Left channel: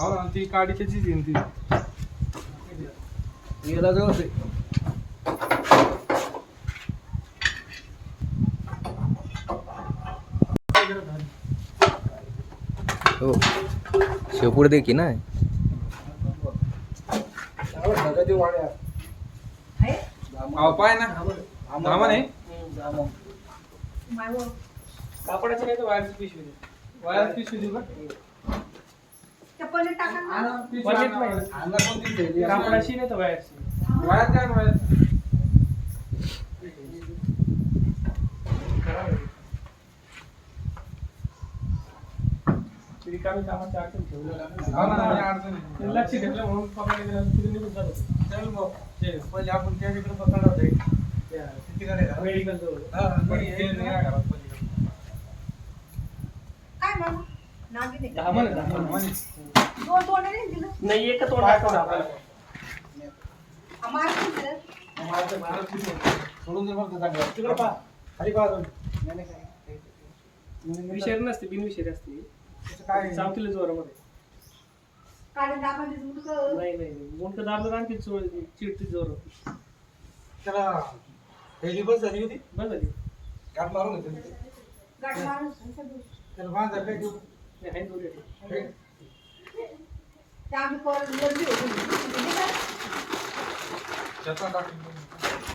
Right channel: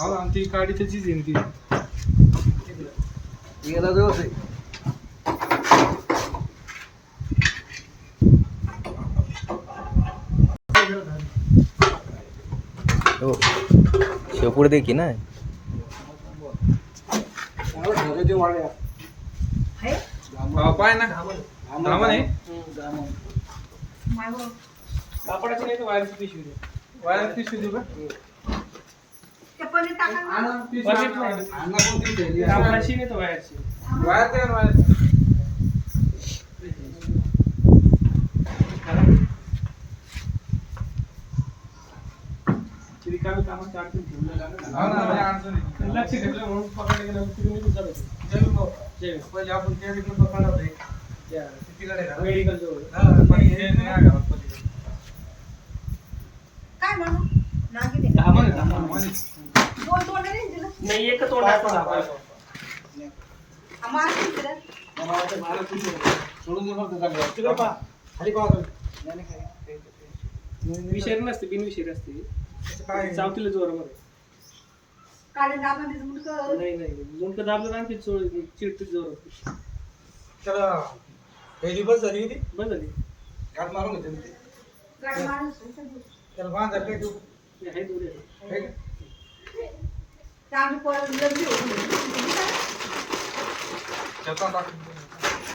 हो ना ती काडी त्याचीच आहे ती याला जवळ हो शेपूड दे की ना वाड्या पाय ना धामण आहे कापडाची नाही तर वायरची पिशवी दे वायरची पिशवी दे बघ कापडाची नाही तर वायरची वायर काय वायर रिकामी कामाची अडचण ठेवलं लक्ष ठेवलं म्हणून पकडले गेलं तुम्ही निघून जात होते पहिले आपण त्या तिकडे पकडणार होते त्या सिटीकडे मेडिकल जवळ काय म्हणू नागिने नाही एक तोंड असतं आपण आम्हाला सोडून दे मग तिकडे पहा खाली पहा विषय नसते बिनविषय असते काय चावतील जोरामध्ये काढे दाबा दिस मुंडक नाही नाही मुंडक दाबलं आणखी चोळ चिडतील जोर त्याला पहिली बस झाली होती बस झाली गाठ मारून घेते गाठ मारून त्याला बांधा काय देऊ आहे दूर आहे आम्ही परत लग्न त्याचा